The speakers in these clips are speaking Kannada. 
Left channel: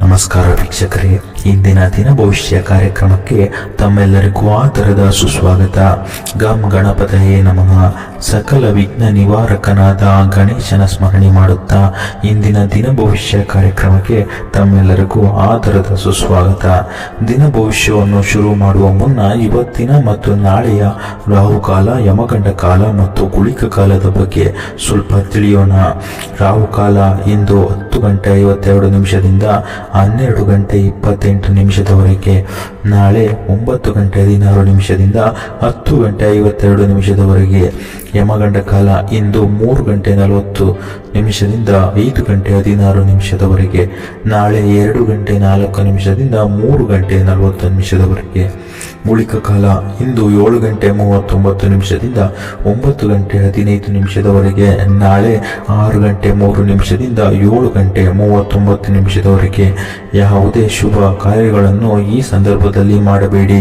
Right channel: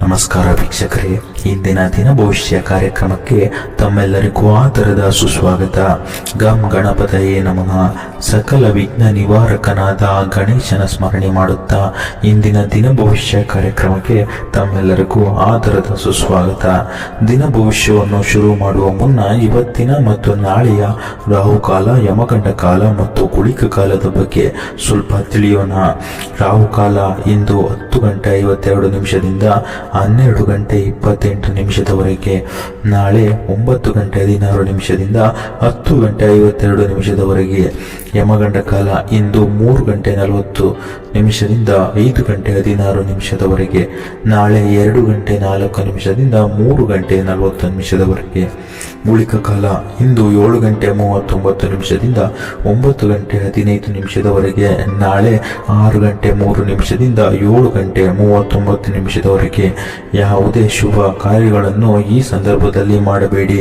ನಮಸ್ಕಾರ ವೀಕ್ಷಕರೇ, ಇಂದಿನ ದಿನ ಭವಿಷ್ಯ ಕಾರ್ಯಕ್ರಮಕ್ಕೆ ತಮ್ಮೆಲ್ಲರಿಗೂ ಆದರದ ಸುಸ್ವಾಗತ. ಗಂ ಗಣಪತಯೇ ನಮಃ. ಸಕಲ ವಿಘ್ನ ನಿವಾರಕನಾದ ಗಣೇಶನ ಸ್ಮರಣೆ ಮಾಡುತ್ತಾ ಇಂದಿನ ದಿನ ಭವಿಷ್ಯ ಕಾರ್ಯಕ್ರಮಕ್ಕೆ ತಮ್ಮೆಲ್ಲರಿಗೂ ಆದರದ ಸುಸ್ವಾಗತ. ದಿನ ಭವಿಷ್ಯವನ್ನು ಶುರು ಮಾಡುವ ಮುನ್ನ ಇವತ್ತಿನ ಮತ್ತು ನಾಳೆಯ ರಾಹುಕಾಲ, ಯಮಗಂಡ ಕಾಲ ಮತ್ತು ಗುಳಿಕ ಕಾಲದ ಬಗ್ಗೆ ಸ್ವಲ್ಪ ತಿಳಿಯೋಣ. ರಾಹುಕಾಲ ಇಂದು 10:52 12 ಗಂಟೆ 28 ನಿಮಿಷದವರೆಗೆ, ನಾಳೆ 9:16 10:52 ಯಮಗಂಡ ಕಾಲ ಇಂದು 3:40 5:16 ನಾಳೆ 2:04 3:40 ಗುಳಿಕ ಕಾಲ ಇಂದು 7:39 9:15 ನಾಳೆ 6:03 7:39 ಯಾವುದೇ ಶುಭ ಕಾರ್ಯಗಳನ್ನು ಈ ಸಂದರ್ಭದಲ್ಲಿ ಮಾಡಬೇಡಿ.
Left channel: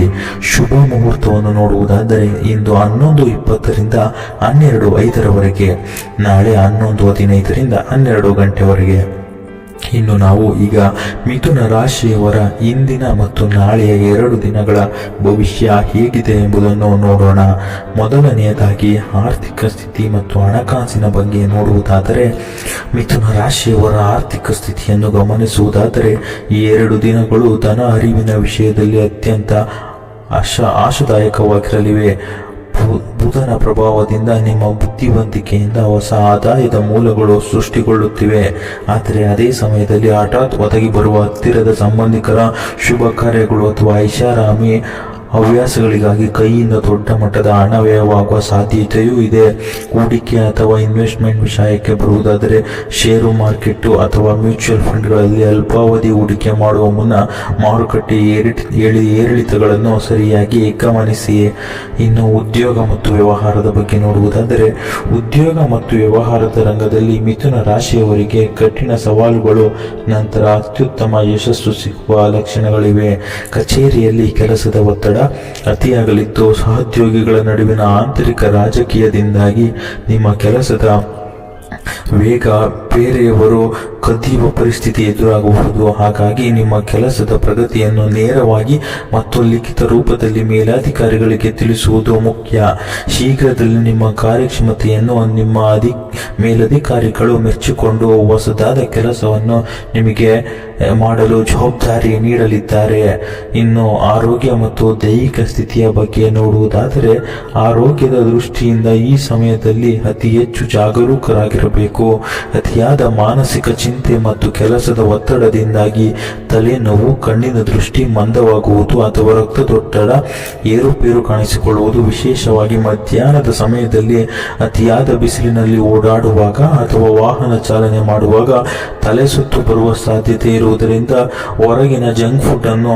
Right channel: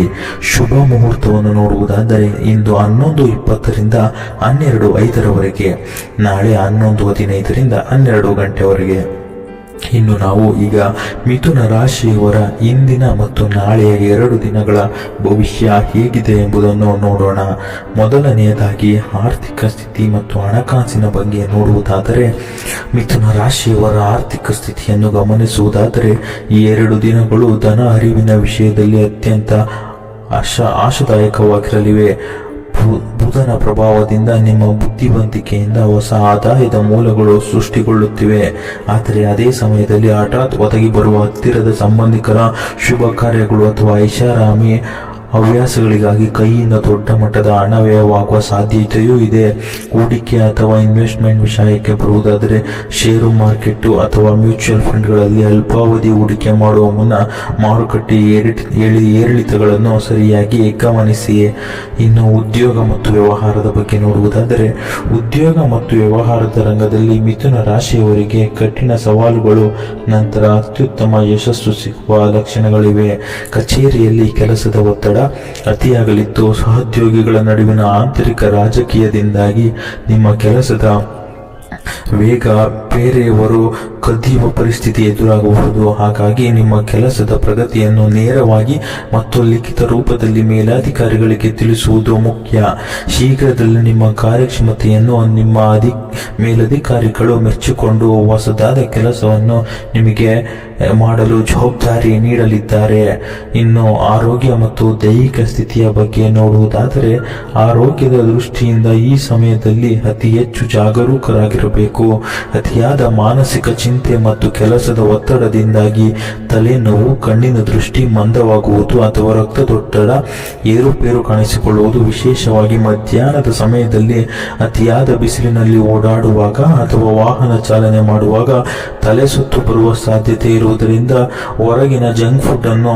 ಶುಭ ಮುಹೂರ್ತವನ್ನು ನೋಡುವುದಾದರೆ ಇಂದು 11:20 12:05 ನಾಳೆ 11:15 12 ಗಂಟೆವರೆಗೆ. ಇನ್ನು ನಾವು ಈಗ ಮಿಥುನ ರಾಶಿಯವರ ಇಂದಿನ ಮತ್ತು ನಾಳೆಯ 2 ದಿನಗಳ ಭವಿಷ್ಯ ಹೇಗಿದೆ ಎಂಬುದನ್ನು ನೋಡೋಣ. ಮೊದಲನೆಯದಾಗಿ ಆರ್ಥಿಕ ಸ್ಥಿತಿ ಮತ್ತು ಹಣಕಾಸಿನ ಬಗ್ಗೆ ನೋಡುವುದಾದರೆ, ಮಿಥುನ ರಾಶಿಯವರ ಆರ್ಥಿಕ ಸ್ಥಿತಿಯನ್ನು ಗಮನಿಸುವುದಾದರೆ ಈ 2 ದಿನಗಳು ಧನ ಹರಿವಿನ ವಿಷಯದಲ್ಲಿ ಅತ್ಯಂತ ಆಶಾದಾಯಕವಾಗಿರಲಿವೆ. ಬುಧನ ಪ್ರಭಾವದಿಂದ ನಿಮ್ಮ ಬುದ್ಧಿವಂತಿಕೆಯಿಂದ ಹೊಸ ಆದಾಯದ ಮೂಲಗಳು ಸೃಷ್ಟಿಗೊಳ್ಳುತ್ತಿವೆ. ಆದರೆ ಅದೇ ಸಮಯದಲ್ಲಿ ಹಠಾತ್ ಒದಗಿ ಬರುವ ಹತ್ತಿರದ ಸಂಬಂಧಿಕರ ಶುಭ ಕಾರ್ಯಗಳು ಅಥವಾ ಐಷಾರಾಮಿ ಹವ್ಯಾಸಗಳಿಗಾಗಿ ಕೈಯಿಂದ ದೊಡ್ಡ ಮಟ್ಟದ ಹಣ ವ್ಯಯವಾಗುವ ಸಾಧ್ಯತೆಯೂ ಇದೆ. ಹೂಡಿಕೆ ಅಥವಾ ಇನ್ವೆಸ್ಟ್ಮೆಂಟ್ ವಿಷಯಕ್ಕೆ ಬರುವುದಾದರೆ, ಷೇರು ಮಾರ್ಕೆಟ್ ಅಥವಾ ಮ್ಯೂಚುವಲ್ ಫಂಡ್ಗಳಲ್ಲಿ ಅಲ್ಪಾವಧಿ ಹೂಡಿಕೆ ಮಾಡುವ ಮುನ್ನ ಮಾರುಕಟ್ಟೆ ಏರಿಳಿತಗಳನ್ನು ಸರಿಯಾಗಿ ಗಮನಿಸಿ. ಇನ್ನು ಉದ್ಯೋಗ ಮತ್ತು ವ್ಯವಹಾರದ ಬಗ್ಗೆ ನೋಡುವುದಾದರೆ, ಉದ್ಯೋಗ ಮತ್ತು ವ್ಯವಹಾರದ ರಂಗದಲ್ಲಿ ಮಿಥುನ ರಾಶಿಯವರಿಗೆ ಕಠಿಣ ಸವಾಲುಗಳು ನಂತರ ಅತ್ಯುತ್ತಮ ಯಶಸ್ಸು ಸಿಗುವ ಲಕ್ಷಣಗಳಿವೆ. ಕಚೇರಿಯಲ್ಲಿ ಕೆಲಸದ ಒತ್ತಡ ಅತಿಯಾಗಲಿದ್ದು, ಸಹೋದ್ಯೋಗಿಗಳ ನಡುವಿನ ಆಂತರಿಕ ರಾಜಕೀಯದಿಂದಾಗಿ ನಿಮ್ಮ ಕೆಲಸದ ವೇಗ ಬೇರೆಯವರು ಕದಿಯುವ ಪರಿಸ್ಥಿತಿ ಎದುರಾಗಬಹುದು. ಹಾಗಾಗಿ ನಿಮ್ಮ ಕೆಲಸದ ಪ್ರಗತಿಯನ್ನು ನೇರವಾಗಿ ಮತ್ತು ಲಿಖಿತ ರೂಪದಲ್ಲಿ ಮೇಲಧಿಕಾರಿಗಳಿಗೆ ತಿಳಿಸುವುದು ಮುಖ್ಯ. ಶೀಘ್ರದಲ್ಲಿ ನಿಮ್ಮ ಕಾರ್ಯಕ್ಷಮತೆಯನ್ನು ನಿಮ್ಮ ಮೇಲಧಿಕಾರಿಗಳು ಮೆಚ್ಚಿಕೊಂಡು ಹೊಸದಾದ ಕೆಲಸವನ್ನು ನಿಮಗೆ ಮಾಡಲು ಜವಾಬ್ದಾರಿ ನೀಡಲಿದ್ದಾರೆ. ಇನ್ನು ಆರೋಗ್ಯ ಮತ್ತು ದೈಹಿಕ ಸ್ಥಿತಿಯ ಬಗ್ಗೆ ನೋಡುವುದಾದರೆ, ಆರೋಗ್ಯದ ದೃಷ್ಟಿಯಿಂದ ಈ ಸಮಯದಲ್ಲಿ ಅತಿ ಹೆಚ್ಚು ಜಾಗರೂಕರಾಗಿರಬೇಕು. ಅತಿಯಾದ ಮಾನಸಿಕ ಚಿಂತೆ ಮತ್ತು ಕೆಲಸದ ಒತ್ತಡದಿಂದಾಗಿ ತಲೆನೋವು, ಕಣ್ಣಿನ ದೃಷ್ಟಿ ಮಂದವಾಗುವುದು ಅಥವಾ ರಕ್ತದೊತ್ತಡ ಏರುಪೇರು ಕಾಣಿಸಿಕೊಳ್ಳುವುದು. ವಿಶೇಷವಾಗಿ ಮಧ್ಯಾಹ್ನದ ಸಮಯದಲ್ಲಿ ಅತಿಯಾದ ಬಿಸಿಲಿನಲ್ಲಿ ಓಡಾಡುವಾಗ ಅಥವಾ ವಾಹನ ಚಾಲನೆ ಮಾಡುವಾಗ ತಲೆ ಸುತ್ತು ಬರುವ ಸಾಧ್ಯತೆ ಇರುವುದರಿಂದ ಹೊರಗಿನ ಜಂಕ್ ಫುಡ್ ಅನ್ನು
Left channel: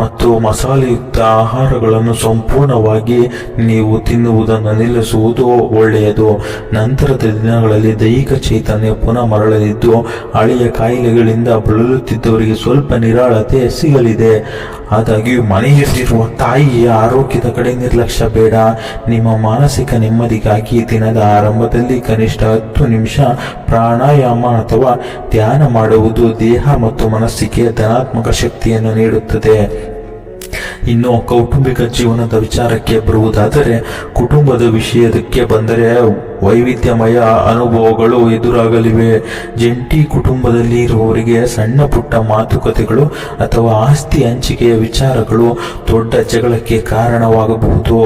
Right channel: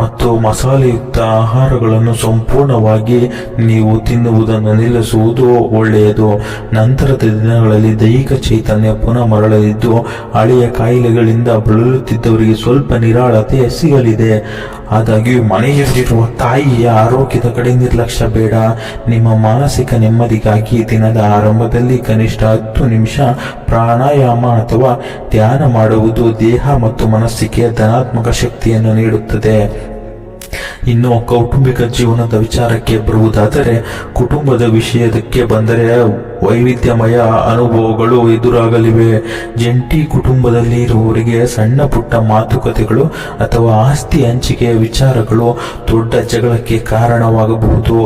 ಮತ್ತು ಮಸಾಲೆಯುಕ್ತ ಆಹಾರಗಳನ್ನು ಸಂಪೂರ್ಣವಾಗಿ ನೀವು ತಿನ್ನುವುದನ್ನು ನಿಲ್ಲಿಸುವುದು ಒಳ್ಳೆಯದು. ನಂತರದ ದಿನಗಳಲ್ಲಿ ದೈಹಿಕ ಚೈತನ್ಯ ಪುನಃ ಮರಳಲಿದ್ದು, ಹಳೆಯ ಕಾಯಿಲೆಗಳಿಂದ ಬಳಲುತ್ತಿದ್ದವರಿಗೆ ಸ್ವಲ್ಪ ನಿರಾಳತೆ ಸಿಗಲಿದೆ. ಆದಾಗ್ಯೂ ಮನೆಯಲ್ಲಿರುವ ತಾಯಿಯ ಆರೋಗ್ಯದ ಕಡೆ ನಿರ್ಲಕ್ಷ್ಯ ಬೇಡ. ನಿಮ್ಮ ಮಾನಸಿಕ ನೆಮ್ಮದಿಗಾಗಿ ದಿನದ ಆರಂಭದಲ್ಲಿ ಕನಿಷ್ಠ 10 ನಿಮಿಷ ಪ್ರಾಣಾಯಾಮ ಅಥವಾ ಧ್ಯಾನ ಮಾಡುವುದು ದೇಹ ಮತ್ತು ಮನಸ್ಸಿಗೆ ಧನಾತ್ಮಕ ಶಕ್ತಿಯನ್ನು ನೀಡುತ್ತದೆ. ಇನ್ನು ಕೌಟುಂಬಿಕ ಜೀವನದ ವಿಚಾರಕ್ಕೆ ಬರುವುದಾದರೆ, ಕುಟುಂಬದ ವಿಷಯಕ್ಕೆ ಬಂದರೆ ವೈವಿಧ್ಯಮಯ ಅನುಭವಗಳು ಎದುರಾಗಲಿವೆ. ಜಂಟಿ ಕುಟುಂಬದಲ್ಲಿ ಇರುವವರಿಗೆ ಸಣ್ಣ ಪುಟ್ಟ ಮಾತುಕತೆಗಳು ಅಥವಾ ಆಸ್ತಿ ಹಂಚಿಕೆಯ ವಿಚಾರಗಳು ದೊಡ್ಡ ಜಗಳಕ್ಕೆ ಕಾರಣವಾಗಬಹುದು.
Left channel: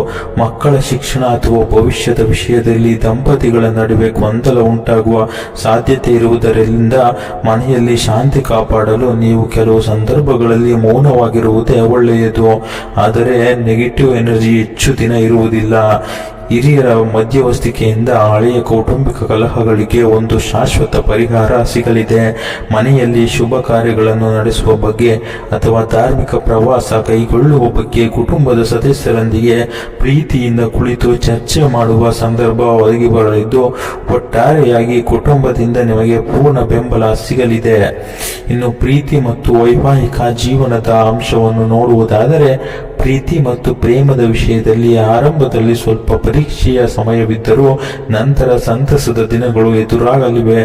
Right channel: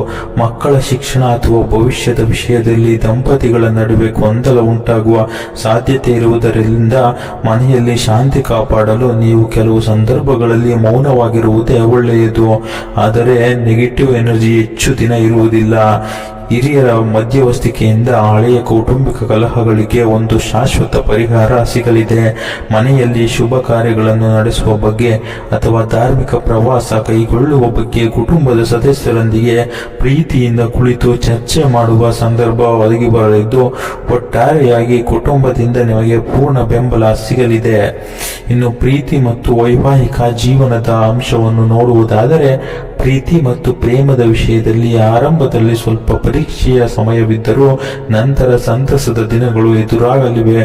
ಮಕ್ಕಳ ಶಿಕ್ಷಣ ಅಥವಾ ಭವಿಷ್ಯದ ವಿಷಯದಲ್ಲಿ ದಂಪತಿಗಳ ನಡುವೆ ಗೊಂದಲ ಉಂಟಾಗುವ ಸಾಧ್ಯತೆ ಇರುವುದರಿಂದ ಮನೆಯಲ್ಲಿ ಶಾಂತಿ ಕಾಪಾಡಲು ನೀವು ಕೆಲವು ಸಂದರ್ಭಗಳಲ್ಲಿ ಮೌನವಾಗಿರುವುದೇ ಒಳ್ಳೆಯದು. ಆದರೆ ನೆಗೆಟಿವ್ ಎನರ್ಜಿ ಹೆಚ್ಚು ದಿನ ಇರುವುದಿಲ್ಲ. ಹಿರಿಯರ ಮಧ್ಯವರ್ತಿಕೆಯಿಂದ ಹಳೆಯ ಕೌಟುಂಬಿಕ ಕಲಹಗಳಿಗೆ ಒಂದು ಶಾಶ್ವತ ಪರಿಹಾರ ಸಿಗಲಿದೆ. ಮನೆಯಲ್ಲಿ ಶುಭ ಕಾರ್ಯಗಳನ್ನು ನಡೆಸುವ ಬಗ್ಗೆ ಅಥವಾ ಧಾರ್ಮಿಕ ಪ್ರವಾಸ ಕೈಗೊಳ್ಳುವ ಬಗ್ಗೆ ಕುಟುಂಬದ ಸದಸ್ಯರೊಂದಿಗೆ ಪ್ರೀತಿಯಿಂದ ಕುಳಿತು ಚರ್ಚೆ ಮಾಡುವ ಸಂದರ್ಭ ಒದಗಿ ಬರಲಿದ್ದು, ಒಟ್ಟಾರೆಯಾಗಿ ಕುಟುಂಬದಿಂದ ನಿಮಗೆ ಪೂರ್ಣ ಬೆಂಬಲ ಸಿಗಲಿದೆ. ಇನ್ನು ಪ್ರೀತಿ ಮತ್ತು ವೈವಾಹಿಕ ಜೀವನದ ಅಂಶವನ್ನು ನೋಡುವುದಾದರೆ, ಪ್ರೀತಿ ಮತ್ತು ಪ್ರೇಮದ ವಿಷಯದಲ್ಲಿ ಆರಂಭದಲ್ಲಿ ಸ್ವಲ್ಪ ಪರೀಕ್ಷೆಯ ಸಮಯವಿದ್ದರೂ ನಂತರ ಸಂತಸದ ದಿನಗಳು ಎದುರಾಗಲಿವೆ.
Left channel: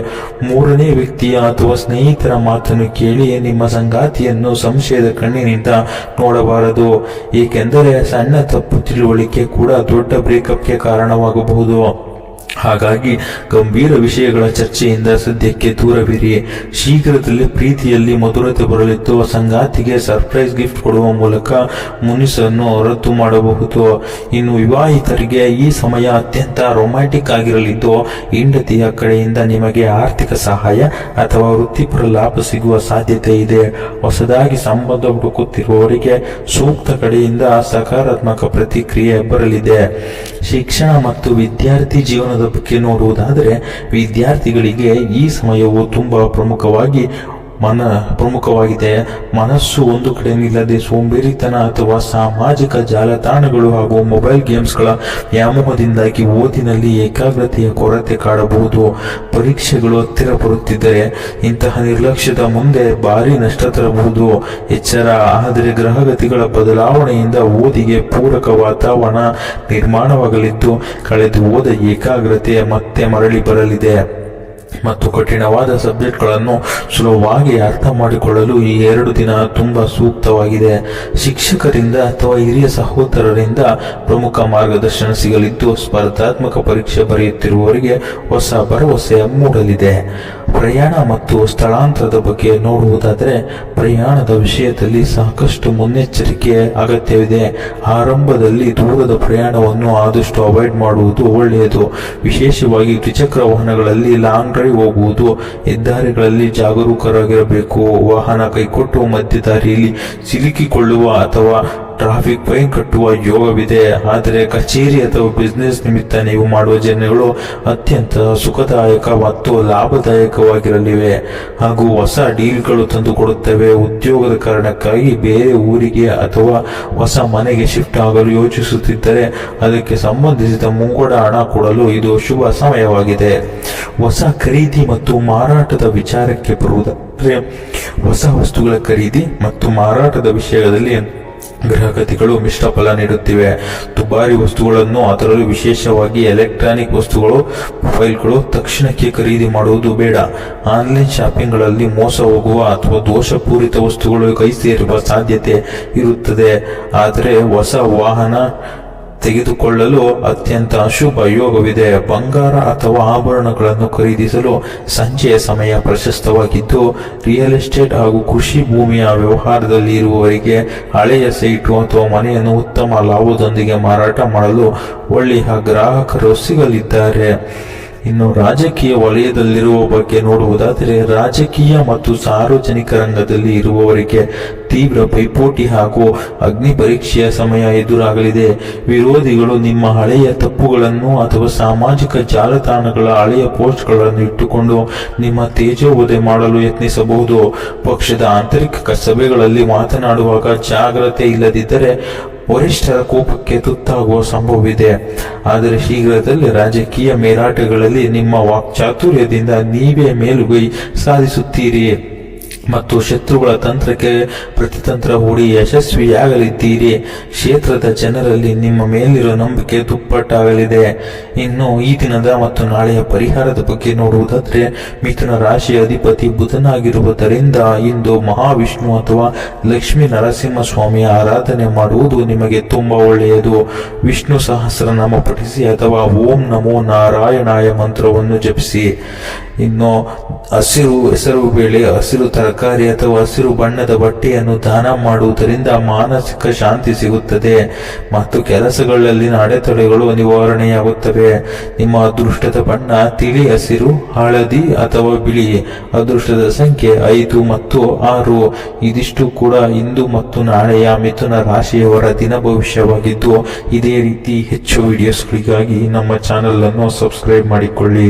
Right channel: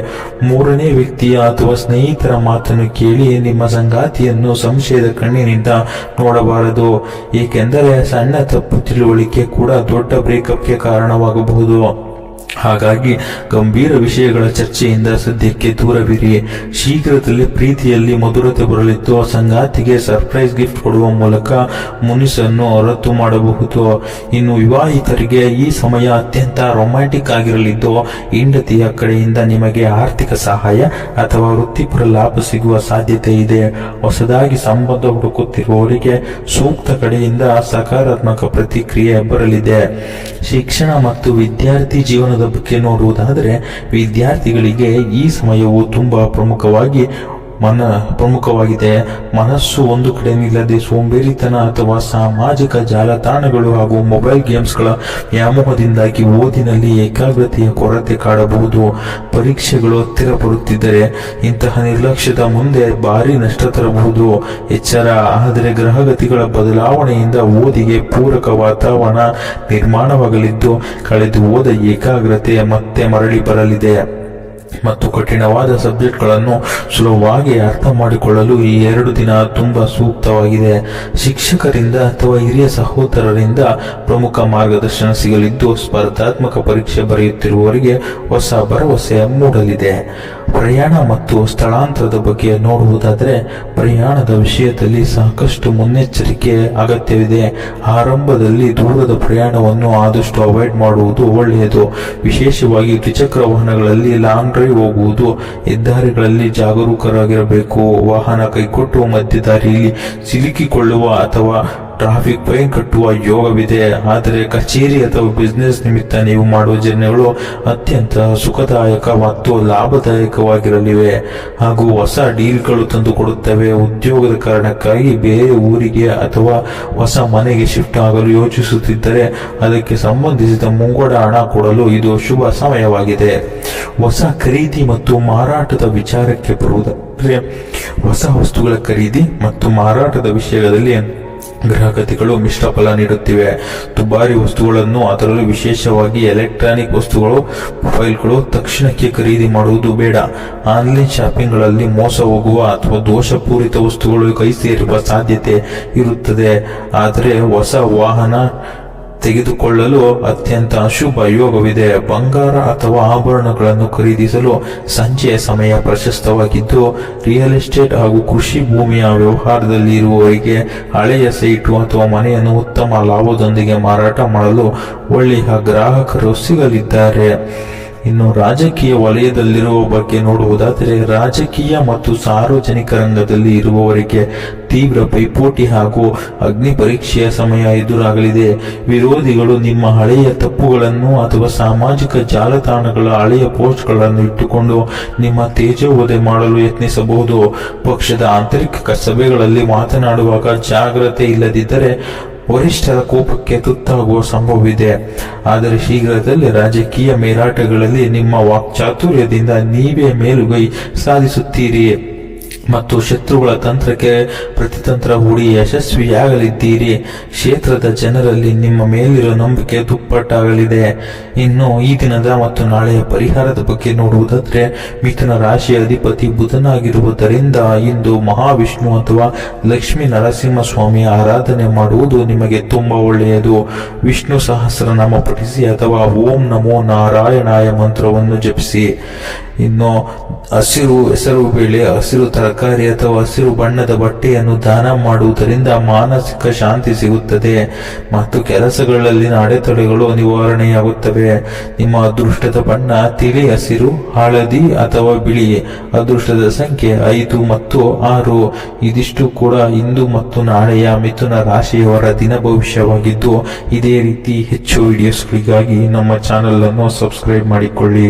ಮೂರನೇ ವ್ಯಕ್ತಿಯ ಅಥವಾ ಸ್ನೇಹಿತರ ಮಾತನ್ನು ಕೇಳಿ ನಿಮ್ಮ ಸಂಗಾತಿಯನ್ನು ಸಂಶಯದ ಕಣ್ಣಿನಿಂದ ನೋಡಬಾರದು, ಏಕೆಂದರೆ ಸಣ್ಣ ತಪ್ಪು ತಿಳುವಳಿಕೆ ಕೂಡ ದೊಡ್ಡ ಬ್ರೇಕಪ್ಗೆ ಕಾರಣವಾಗಬಹುದು. ಹಾಗಾಗಿ ಗಂಭೀರ ವಿಷಯಗಳ ಚರ್ಚೆಯಿಂದ ಸದ್ಯಕ್ಕೆ ದೂರವಿರಿ. ಶೀಘ್ರದಲ್ಲೇ ಪ್ರೀತಿಯಲ್ಲಿ ಮಧುರತೆ ಬರಲಿದ್ದು ಸಂಗಾತಿಗೆ ಸರ್ಪ್ರೈಸ್ ಗಿಫ್ಟ್ ಕೊಡುವ ಮೂಲಕ ಮುನಿಸನ್ನು ರದ್ದು ಮಾಡಬಹುದು. ಇನ್ನು ವಿವಾಹಿತರಿಗೆ ಈ ಸಮಯ ಅತ್ಯಂತ ರೊಮ್ಯಾಂಟಿಕ್ ಆಗಿರಲಿದ್ದು ಹೆಂಡತಿಯ ಕಡೆಯಿಂದ ನಿಮಗೆ ಆರ್ಥಿಕ ಸಹಾಯ ಅಥವಾ ವೃತ್ತಿಪರ ಲಾಭ ಸಿಗುವ ಸಾಧ್ಯತೆ ಇದೆ. ಹೊಸದಾಗಿ ಸಂಬಂಧ ಹುಡುಕುತ್ತಿರುವವರಿಗೆ ಸೂಕ್ತ ಕಡೆಯಿಂದ ಸಕಾರಾತ್ಮಕ ಪ್ರತಿಕ್ರಿಯೆ ಬರಲಿದೆ. ಶಿಕ್ಷಣ ಮತ್ತು ವಿದ್ಯಾರ್ಥಿ ಜೀವನದ ಬಗ್ಗೆ ನೋಡುವುದಾದರೆ ವಿದ್ಯಾರ್ಥಿಗಳಿಗೆ ಈ ಸಮಯವು ತುಂಬಾ ಪ್ರಮುಖವಾಗಿದೆ. ಮನಸ್ಸು ಒಂದು ಕಡೆ ನಿಲ್ಲದೆ ಸೋಂಬೇರಿತನ ಅಥವಾ ಸಾಮಾಜಿಕ ಜಾಲತಾಣಗಳು ಹಾಗೂ ಮೊಬೈಲ್ ಗೇಮ್ಸ್ಗಳ ವ್ಯಾಮೋಹದಿಂದಾಗಿ ಓದಿನಲ್ಲಿ ಏಕಾಗ್ರತೆಯ ಕೊರತೆ ಕಾಡಬಹುದು. ಪರೀಕ್ಷೆಗಳು ಹತ್ತಿರ ಬರುತ್ತಿದ್ದರೆ ಇಂತಹ ನಿರ್ಲಕ್ಷ್ಯದ ಮುಂದೆ ಭಾರಿ ನಷ್ಟ ತರಬಹುದು. ಎಚ್ಚರ. ಆದರೆ ಗ್ರಹಗತಿಗಳ ಬದಲಾವಣೆಯಿಂದ ಓದಿಗೆ ಪೂರಕ ವಾತಾವರಣ ನಿರ್ಮಾಣವಾಗಲಿದ್ದು ಕಳೆದು ಹೋದ ಏಕಾಗ್ರತೆ ಮತ್ತೆ ಮರಳಿ ಬರಲಿದೆ ಮತ್ತು ಕಠಿಣವಾದ ಸಬ್ಜೆಕ್ಟ್ಗಳನ್ನು ಸುಲಭವಾಗಿ ಅರ್ಥ ಮಾಡಿಕೊಳ್ಳಲು ಈ 2 ದಿನ ತುಂಬಾ ಸೂಕ್ತವಾಗಿದೆ. ಶಿಕ್ಷಕರಿಂದ ಅಥವಾ ಹಿರಿಯ ಸಹೋದರರಿಂದ ಪ್ರಮುಖ ಮಾರ್ಗದರ್ಶನ ಸಿಗಲಿದ್ದು ಸ್ಪರ್ಧಾತ್ಮಕ ಪರೀಕ್ಷೆ ಬರೆಯುತ್ತಿರುವವರಿಗೆ ಹೊಸ ಭರವಸೆ ಮೂಡಲಿದೆ. ಪ್ರಯಾಣ ಮತ್ತು ಸ್ಥಳಾಂತರದ ಬಗ್ಗೆ ನೋಡುವುದಾದರೆ ಪ್ರಯಾಣದ ವಿಷಯದಲ್ಲಿ ಸಾಕಷ್ಟು ಮುನ್ನೆಚ್ಚರಿಕೆ ಅಗತ್ಯವಿದೆ. ಆರಂಭದಲ್ಲಿ ದೂರದ ಪ್ರಯಾಣವನ್ನು ಆದಷ್ಟು ಅವಾಯ್ಡ್ ಮಾಡುವುದು ಒಳ್ಳೆಯದು. ವಿಶೇಷವಾಗಿ ದ್ವಿಚಕ್ರ ವಾಹನಗಳಲ್ಲಿ ಲಾಂಗ್ ಡ್ರೈವ್ ಹೋಗುವುದು. ಹೆದ್ದಾರಿಗಳಲ್ಲಿ ಜಾಗರೂಕರಾಗಿರಬೇಕು. ವಾಹನ ಕೈಕೊಟ್ಟು ಮಧ್ಯದಾರಿಯಲ್ಲಿ ಸಿಲುಕಿಕೊಳ್ಳುವ ಅಥವಾ ಟ್ರಾಫಿಕ್ ಫೈನ್ ಕಟ್ಟುವ ಯೋಗವಿದೆ. ಆದರೆ ಕಚೇರಿ ಅಥವಾ ಬಿಸಿನೆಸ್ ನಿಮಿತ್ತ ನೀವು ಮಾಡುವ ಜರ್ನಿಗಳು ಅತ್ಯಂತ ಸುಖದಾಯಕ ಮತ್ತು ಲಾಭದಾಯಕವಾಗಿರಲಿವೆ ಹಾಗೂ ಹೊಸ ಡೀಲ್ಗಳು ತಂದುಕೊಡುತ್ತವೆ. ಉದ್ಯೋಗದ ಕಾರಣಕ್ಕಾಗಿ ಬೇರೆ ಊರಿಗೆ ಅಥವಾ ಹೊಸ ಮನೆಗೆ ಶಿಫ್ಟ್ ಆಗಲು ಯೋಚಿಸುತ್ತಿದ್ದರೆ ಅದಕ್ಕೆ ಸಂಬಂಧಿಸಿದ ಮುಂಗಡ ಹಣ ಕೊಡಲು ಇದು ಶುಭ ಸಮಯವಾಗಿದೆ. ಹೊಸ ಖರೀದಿ ಮತ್ತು ಮಾರಾಟದ ವಿಚಾರಕ್ಕೆ ಬರುವುದಾದರೆ ಹೊಸ ವಸ್ತುಗಳ ಖರೀದಿ ಮತ್ತು ಮಾರಾಟದ ವಿಷಯದಲ್ಲಿ ಗ್ರಹಗತಿಗಳು ಮಿಶ್ರ ಫಲ ನೀಡುತ್ತಿವೆ. ದುಬಾರಿ ವಸ್ತುಗಳನ್ನು, ಅದರಲ್ಲೂ ವಿಶೇಷವಾಗಿ ಎಲೆಕ್ಟ್ರಾನಿಕ್ ವಸ್ತುಗಳು, ಮೊಬೈಲ್ಗಳು ತಕ್ಷಣಕ್ಕೆ ಖರೀದಿ ಮಾಡುವುದು ಬೇಡ. ಆನ್ಲೈನ್ ಶಾಪಿಂಗ್ಗಳಲ್ಲಿ ಮೋಸ ಹೋಗುವ ಅಥವಾ ದೋಷಪೂರಿತ ವಸ್ತುಗಳು ಕೈ ಸೇರುವ ಸಾಧ್ಯತೆ ಇರುತ್ತದೆ. ಆದರೆ ಹೊಸ ವಾಹನ ತೆಗೆದುಕೊಳ್ಳಲು ಅತ್ಯಂತ ಅಶುಭ ಯೋಗವಿದೆ. ಬಂಗಾರ ಅಥವಾ ಆಭರಣಗಳನ್ನು ಖರೀದಿಸಲು ಸಂಜೆಯ ಸಮಯ ಪ್ರಶಸ್ತವಾಗಿದ್ದು ರಿಯಲ್ ಎಸ್ಟೇಟ್ ಹಾಗೂ ಕೃಷಿ ಭೂಮಿಯ ವ್ಯವಹಾರದಲ್ಲಿ ಇರುವವರಿಗೆ ಹಳೆಯ ಸೈಟು ಅಥವಾ ಮನೆಯನ್ನು ಉತ್ತಮ ಲಾಭದೊಂದಿಗೆ ಮಾರಾಟ ಮಾಡಲು ಒಳ್ಳೆಯ ಗ್ರಾಹಕರು ಸಿಗಲಿದ್ದಾರೆ. ಇನ್ನು ರಾಜಕೀಯ ವಲಯದಲ್ಲಿರುವ ಬಗ್ಗೆ ನೋಡುವುದಾದರೆ ರಾಜಕೀಯ ಮತ್ತು ಸಾರ್ವಜನಿಕ ರಂಗದಲ್ಲಿ ಇರುವವರಿಗೆ ತೀವ್ರ ಪೈಪೋಟಿ ಹಾಗೂ ಅಗ್ನಿ ಪರೀಕ್ಷೆಯ ಸಮಯ ಎದುರಾಗಲಿದೆ. ವಿರೋಧಿಗಳು ನಿಮ್ಮ ಹಳೆಯ ತಪ್ಪುಗಳನ್ನು ಅಥವಾ ಸಾಮಾಜಿಕ ಜಾಲತಾಣಗಳ ಹಳೆಯ ಪೋಸ್ಟ್ಗಳನ್ನು ಇಟ್ಟುಕೊಂಡು ನಿಮ್ಮ ತೇಜೋವಧೆ ಮಾಡಲು ಯತ್ನಿಸಬಹುದು. ಪಕ್ಷದ ಆಂತರಿಕ ಸಭೆಗಳಲ್ಲಿ ಮಾತನಾಡುವಾಗ ಜಾಗ್ರತೆ ಇಲ್ಲದಿದ್ದರೆ ವರಿಷ್ಠರ ಕೋಪಕ್ಕೆ ತುತ್ತಾಗುವ ಸಂಭವವಿದೆ. ಆದರೆ ಶೀಘ್ರದಲ್ಲೇ ರಾಜಕೀಯ ಮೇಲಾಟಗಳಲ್ಲಿ ನಿಮ್ಮ ವಾಕ್ಚಾತುರ್ಯದಿಂದ ನೀವೇ ಮೇಲುಗೈ ಸಾಧಿಸುತ್ತೀರಿ ಮತ್ತು ಶತ್ರುಗಳ ತಂತ್ರಕ್ಕೆ ಪ್ರತಿತಂತ್ರ ಹೂಡಿ ಯಶಸ್ವಿಯಾಗಲಿದ್ದೀರಿ. ಕ್ಷೇತ್ರದ ಜನರಲ್ಲಿ ನಿಮ್ಮ ಮೇಲಿರುವ ನಂಬಿಕೆ ದುಪ್ಪಟ್ಟಾಗಲಿದೆ. ಇನ್ನು ಈ ದಿನದ ಮತ್ತು ನಾಳೆಯ ಪರಿಹಾರದ ಬಗ್ಗೆ ನೋಡುವುದಾದರೆ ಮಿಥುನ ರಾಶಿಯ ಅಧಿಪತಿ ಬುಧನಾಗಿರುವುದರಿಂದ ಇಂದು ಮಹಾವಿಷ್ಣು ಅಥವಾ ಲಕ್ಷ್ಮೀ ನರಸಿಂಹಸ್ವಾಮಿಯ ಆರಾಧನೆ ಮಾಡುವುದು ನಿಮಗೆ ತುಂಬಾ ಒಳ್ಳೆಯದು. ವಿಷ್ಣು ಸಹಸ್ರನಾಮ ಪಠಿಸಿ ಅಥವಾ ಓಂ ನಮೋ ನಾರಾಯಣಾಯ ಮಂತ್ರವನ್ನು ಜಪಿಸಿ. ಇನ್ನು ಹಸಿರು ಹೆಸರು ಬೇಳೆ, ಹಸಿರು ತರಕಾರಿ ಅಥವಾ ಹಸಿರು ಬಣ್ಣದ ಬಟ್ಟೆಯನ್ನು ದಾನ ಮಾಡುವುದರಿಂದ ಮಾನಸಿಕ ಶಾಂತಿ ಸಿಗುತ್ತದೆ ಮತ್ತು ಕೆಲಸಗಳಲ್ಲಿನ ಅಡೆತಡೆಗಳು ನಿವಾರಣೆಯಾಗುತ್ತವೆ. ನಿಮ್ಮ ಅದೃಷ್ಟದ ಬಣ್ಣ ತಿಳಿ ಹಸಿರು, ಹಳದಿ ಅಥವಾ ಬಿಳಿ. ಅದೃಷ್ಟದ ಸಂಖ್ಯೆ 5 ಮತ್ತು 6. ಇದಿಷ್ಟು ಕೂಡ ಇಂದು ಮತ್ತು ನಾಳೆಯ ಮಿಥುನ ರಾಶಿಯವರ ದಿನ ಭವಿಷ್ಯವಾಗಿದ್ದು ಇದೇ ರೀತಿ ಹೆಚ್ಚು ವಿಡಿಯೋಸ್ಗಳಿಗಾಗಿ ನಮ್ಮ ಚಾನೆಲ್ ಅನ್ನು ಸಬ್ಸ್ಕ್ರೈಬ್ ಮಾಡಿಕೊಳ್ಳಿ.